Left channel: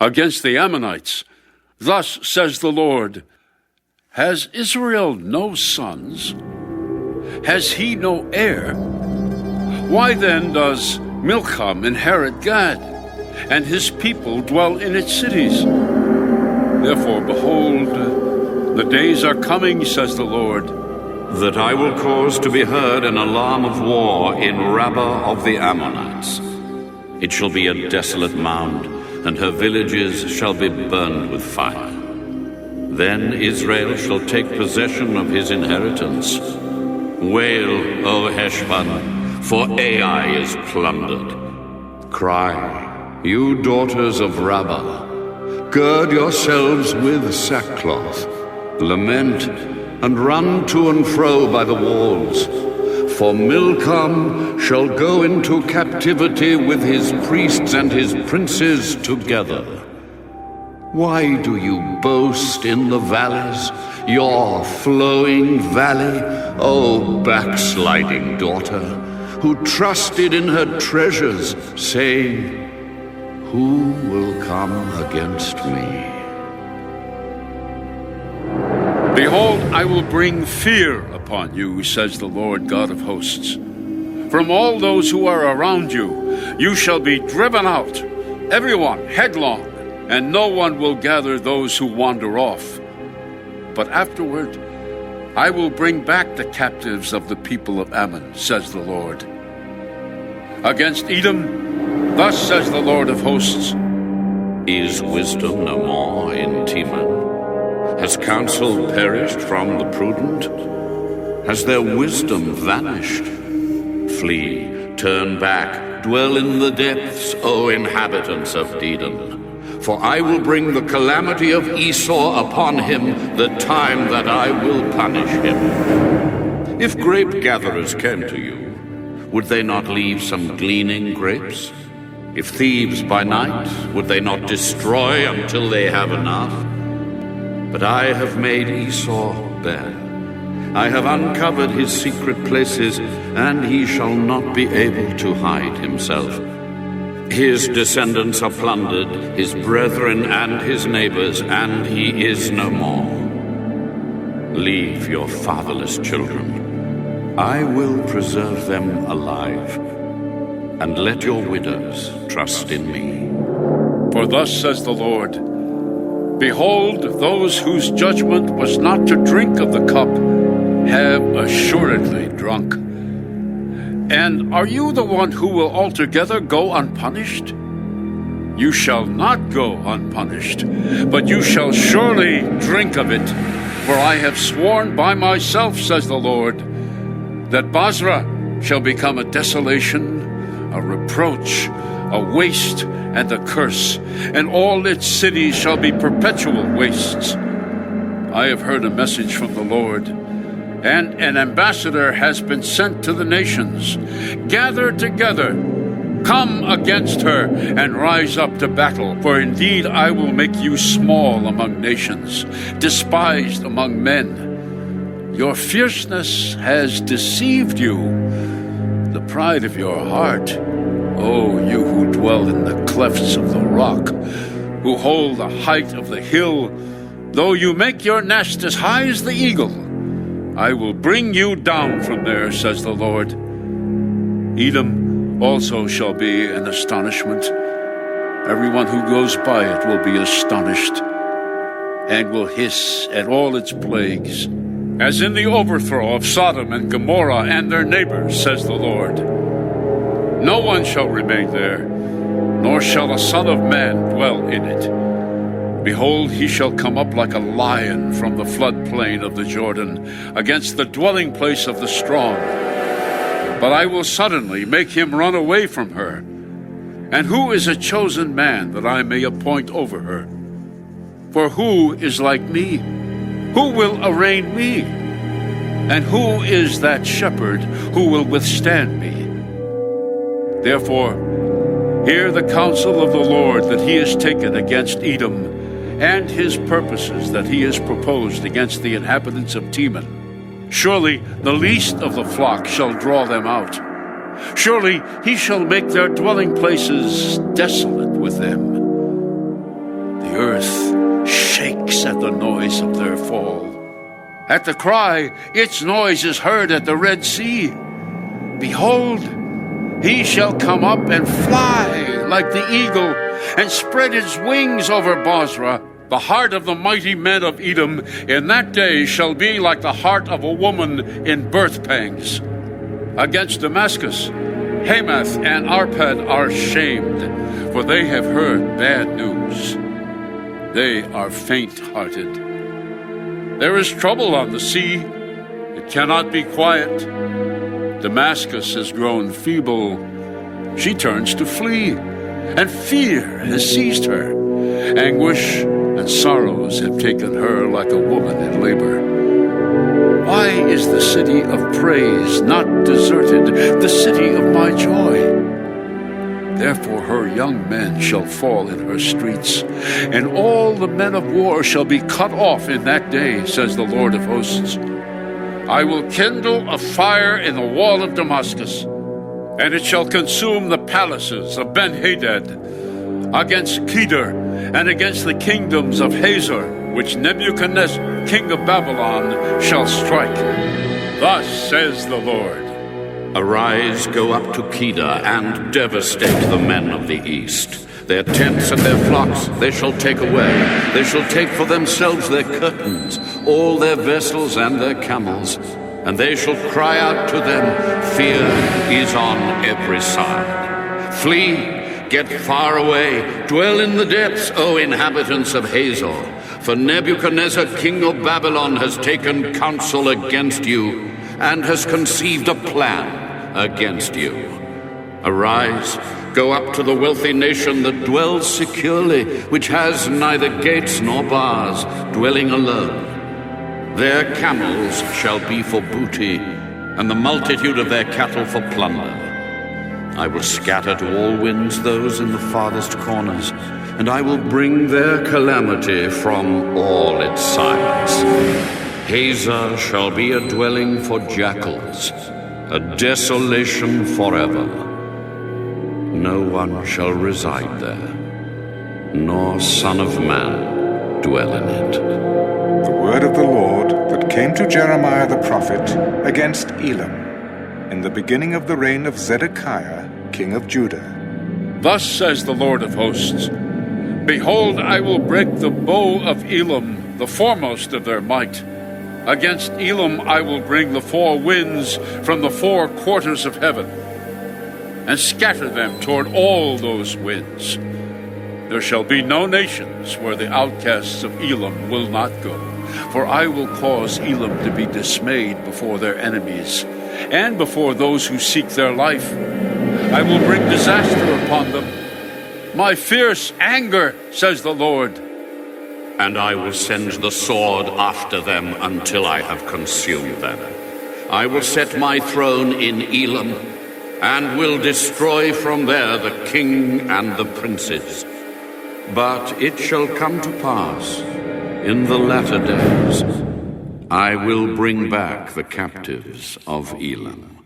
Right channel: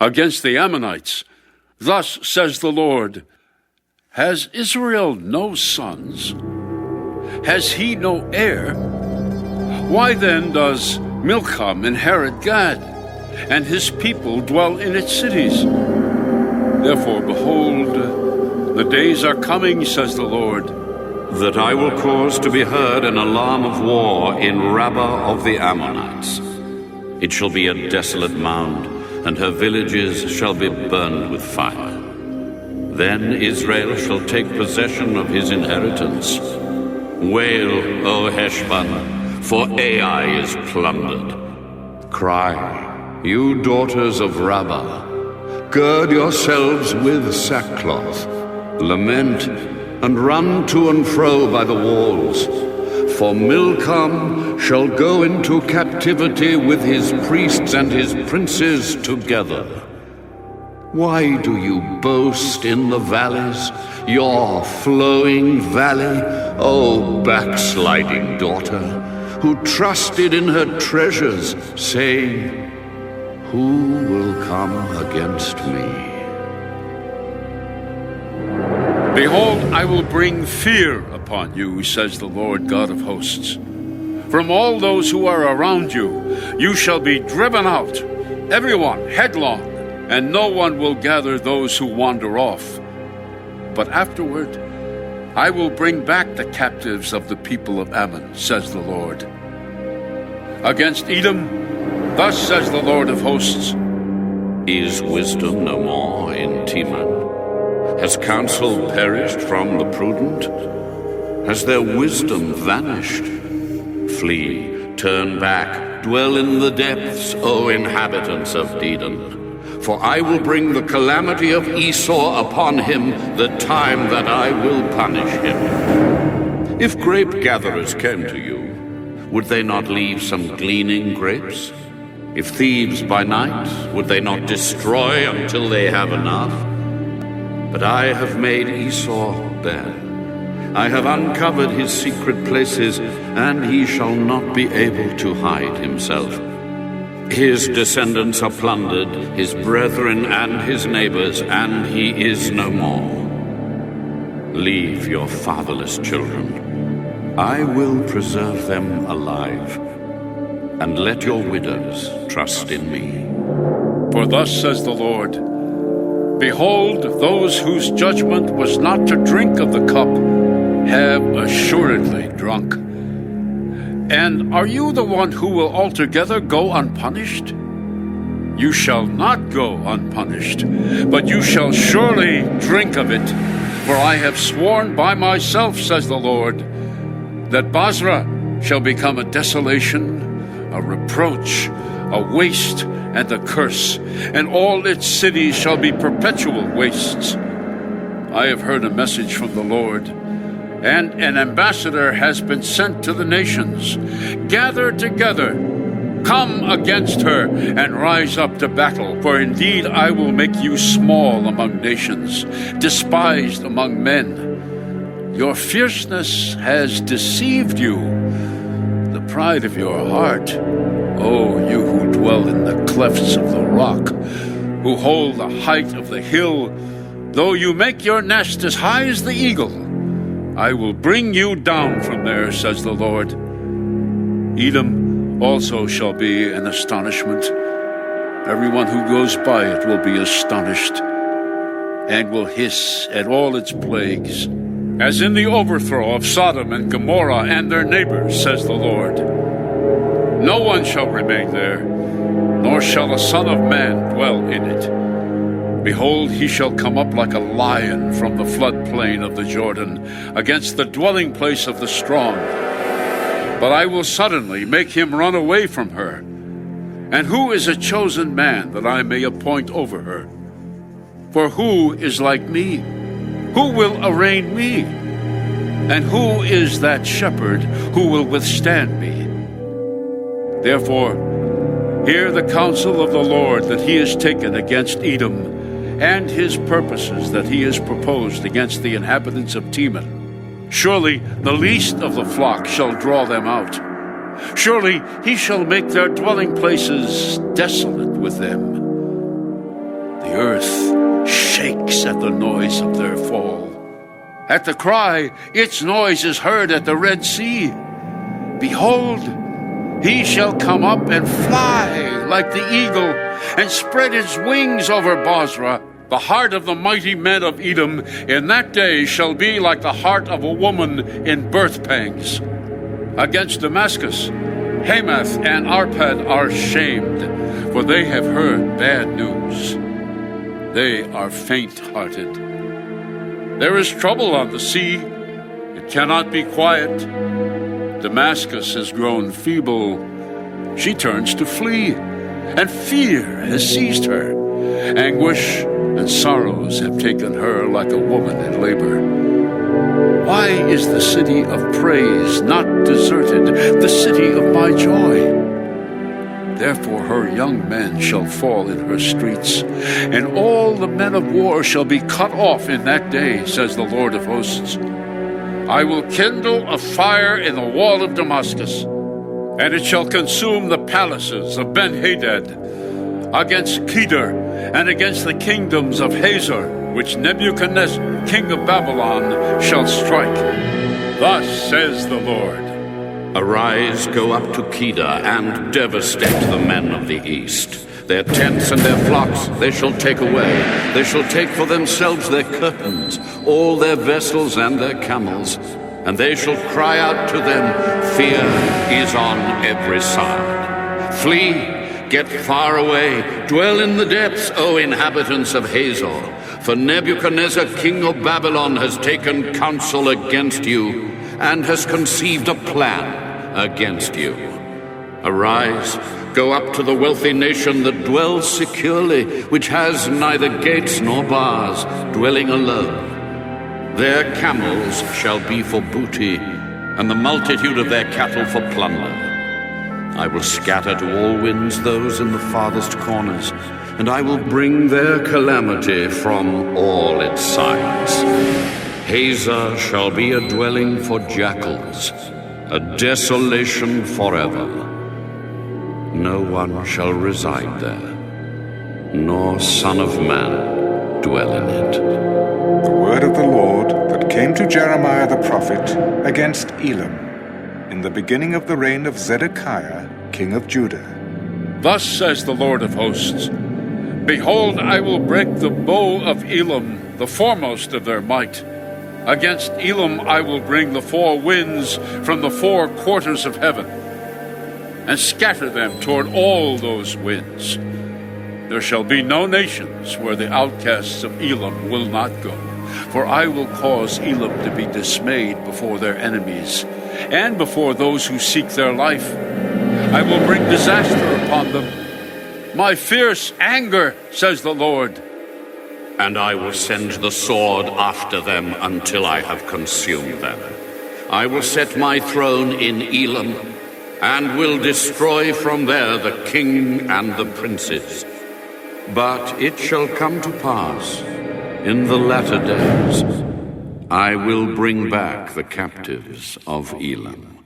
against the Ammonites. Thus says the Lord, has Israel no sons? Has he no heir? Why then does Milcom inherit Gad, and his people dwell in its cities? Therefore, behold, the days are coming, says the Lord, that I will cause to be heard an alarm of war in Rabbah of the Ammonites. It shall be a desolate mound, and her villages shall be burned with fire. Then Israel shall take possession of his inheritance. Wail, O Heshbon, for Ai is plundered. Cry, you daughters of Rabbah, gird yourselves with sackcloth. Lament and run to and fro by the walls. For Milcom shall go into captivity with his priests and his princes together. Why do you boast in the valleys, your flowing valley, O backsliding daughter, who trusted in her treasures, saying, who will come against me? Behold, I will bring fear upon you, says the Lord God of hosts. From all those who are around you, you shall be driven out, everyone headlong, and no one will gather those who wander off. But afterward, I will bring back the captives of the people of Ammon, says the Lord. Against Edom, thus says the Lord of hosts, is wisdom no more in Teman? Has counsel perished from the prudent? Has their wisdom vanished? Flee, turn back, dwell in the depths, O inhabitants of Dedan. For I will bring the calamity of Esau upon him, the time that I will punish him. If grape gatherers came to you, would they not leave some gleaning grapes? If thieves by night, would they not destroy until they have enough? But I have made Esau bare. I have uncovered his secret places, and he shall not be able to hide himself. His descendants are plundered, his brethren and his neighbors, and he is no more. Leave your fatherless children. I will preserve them alive, and let your widows trust in me. For thus says the Lord, behold, those whose judgment was not to drink of the cup have assuredly drunk. And are you the one who will altogether go unpunished? You shall not go unpunished, but you shall surely drink of it. For I have sworn by myself, says the Lord, that Basra shall become a desolation, a reproach, a waste, and a curse, and all its cities shall be perpetual wastes. I have heard a message from the Lord, and an ambassador has been sent to the nations. Gather together, come against her, and rise up to battle. For indeed I will make you small among nations, despised among men. Your fierceness has deceived you, the pride of your heart. O you who dwell in the clefts of the rock, who hold the height of the hill, though you make your nest as high as the eagle, I will bring you down from there, says the Lord. Edom also shall be an astonishment. Everyone who goes by it will be astonished, and will hiss at all its plagues, as in the overthrow of Sodom and Gomorrah and their neighbors, says the Lord. No one shall remain there, nor shall a son of man dwell in it. Behold, he shall come up like a lion from the floodplain of the Jordan, against the dwelling place of the strong. But I will suddenly make him run away from her. And who is a chosen man that I may appoint over her? For who is like me? Who will arraign me? And who is that shepherd who will withstand me? Therefore, hear the counsel of the Lord that he has taken against Edom, and his purposes that he has proposed against the inhabitants of Teman. Surely the least of the flock shall draw them out. Surely he shall make their dwelling places desolate with them. The earth shakes at the noise of their fall. At the cry, its noise is heard at the Red Sea. Behold, he shall come up and fly like the eagle, and spread his wings over Bozrah. The heart of the mighty men of Edom in that day shall be like the heart of a woman in birth pangs. Against Damascus, Hamath and Arpad are shamed, for they have heard bad news. They are faint-hearted. There is trouble on the sea. It cannot be quiet. Damascus has grown feeble. She turns to flee, and fear has seized her. Anguish and sorrows have taken her like a woman in labor. Why is the city of praise not deserted, the city of my joy? Therefore her young men shall fall in her streets, and all the men of war shall be cut off in that day, says the Lord of hosts. I will kindle a fire in the wall of Damascus, and it shall consume the palaces of Ben-Hadad, against Kedar, and against the kingdoms of Hazor, which Nebuchadnezzar, king of Babylon, shall strike. Thus says the Lord. Arise, go up to Kedar, and devastate the men of the east. Their tents and their flocks they shall take away. They shall take for themselves their curtains, all their vessels and their camels. And they shall cry out to them, fear is on every side. Flee, get far away, dwell in the depths, O inhabitants of Hazor. For Nebuchadnezzar, king of Babylon, has taken counsel against you, and has conceived a plan against you. Arise, go up to the wealthy nation that dwells securely, which has neither gates nor bars, dwelling alone. Their camels shall be for booty, and the multitude of their cattle for plunder. I will scatter to all winds those in the farthest corners, and I will bring their calamity from all its sides. Hazor shall be a dwelling for jackals, a desolation forever. No one shall reside there, nor son of man dwell in it. The word of the Lord that came to Jeremiah the prophet against Elam, in the beginning of the reign of Zedekiah, king of Judah. Thus says the Lord of hosts, Behold, I will break the bow of Elam, the foremost of their might. Against Elam I will bring the four winds from the four quarters of heaven, and scatter them toward all those winds. There shall be no nations where the outcasts of Elam will not go, for I will cause Elam to be dismayed before their enemies, and before those who seek their life. I will bring disaster upon them. My fierce anger, says the Lord. And I will send the sword after them until I have consumed them. I will set my throne in Elam, and will destroy from there the king and the princes. But it shall come to pass in the latter days, I will bring back the captives of Elam.